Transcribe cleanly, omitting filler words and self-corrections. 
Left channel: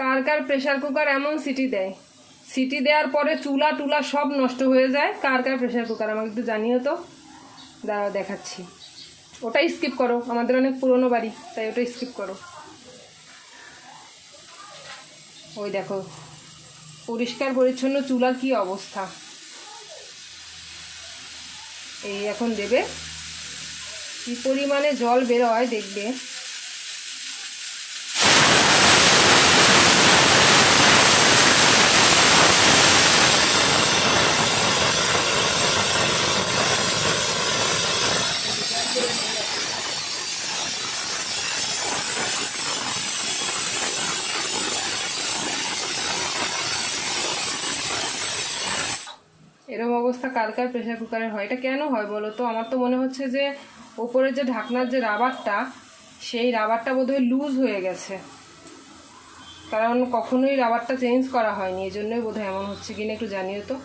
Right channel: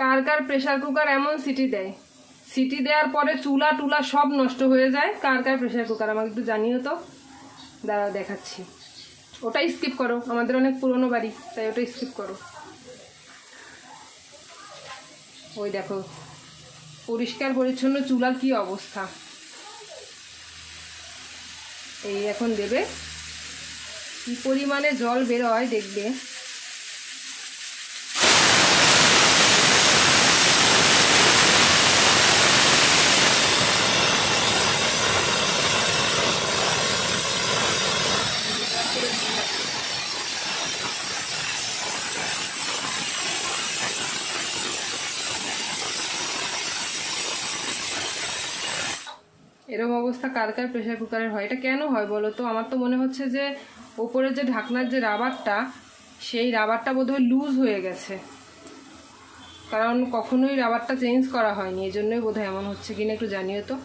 কার কার pressure cooker এমন city দেয়, city দেওয়ার পরে চুলা টুলা সব নষ্ট হয়ে যায়? কার কার প্রেসার কুকার আমাকে একটু জানিও তো। দাঁড়াও দেখাচ্ছি। ওটা স্কিপ করো, আমাদের অনেক পুরনো বাড়ি, তাই ওটা স্কিপ করো। ওই দেখো পরিষ্কার পরিচ্ছন্ন চুলার কি অবস্থা। এই এখন দেবে, কি পরিমাণে জল বেরোয় দেখবে। এরকম অবস্থা কার কার প্রেসার কুকারের হয়? এটা কেন হয় বলো তো? আমার তো মনে হচ্ছে যে ওপরের যে ঢাকনার যে রাবারটা, সেই রাবারটা বোধহয় লুজ হয়ে গেছে, কারণ কখনোই রাবারটা চেঞ্জ করা হয়নি, এই জন্যই বোধহয় এমন হচ্ছে কিনা একটু জানিও তো।